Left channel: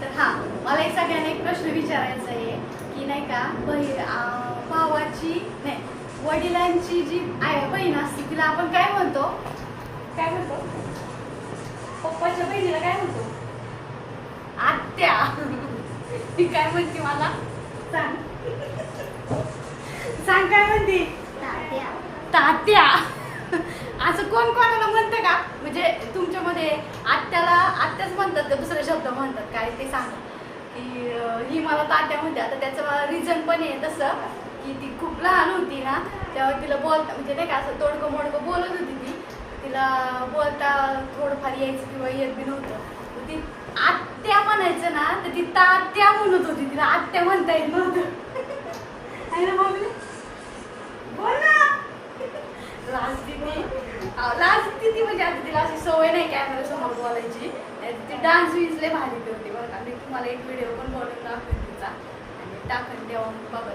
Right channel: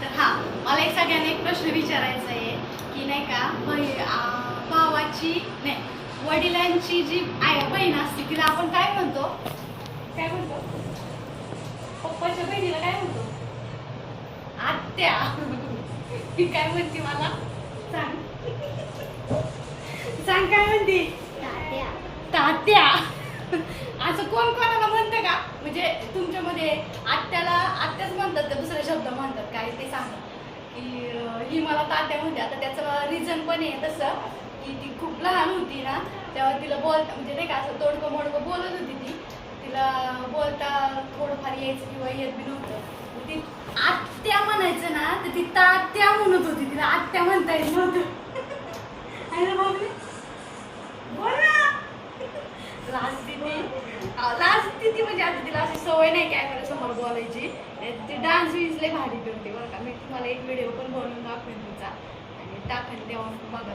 तर हा मला एक सगळ्यांना एक प्रश्न विचारायचा आहे की नाही का भावाची नाही वडिलांची जी बहीण असते तिला आपण काय म्हणतो? काय म्हणतो? पप्पाच्या बहिणीला काय म्हणतो? आत्या. ती काय म्हणते मला सांग? सांग काय म्हणते? तात्या. तात्या. असं कोण कोणाला म्हणतं का? म्हणजे तुमच्यामध्ये आत्याच म्हणतात का दुसरे शब्द म्हणतात काय ते सांगा की ही मला तात्या म्हणते. आता त्याचं मला रिझन पण आहे तसं की ती खूप लहान होती ना तेव्हा तिला बोलता म्हणजे नाही का असं तोडकं मोडकं बोलत होती तिला बोलता थोडंफार यायचं किंवा येत बी नव्हतं. ती आत्या म्हणायचं ना तर ती तात्या म्हणत होती, तिला आत्या म्हणता येत नव्हतं. आहे ना बाबली? बोल ना. लास्ट ती म्हणजे आता तिला अशी सवय नाही कॅमेरा समोर बोलायची. ती डान्स लय भारी करते बरं का. मी तुम्हाला एक व्हिडिओ पण बनवून दाखवेन तिचा आणि टाकून देऊन बघा.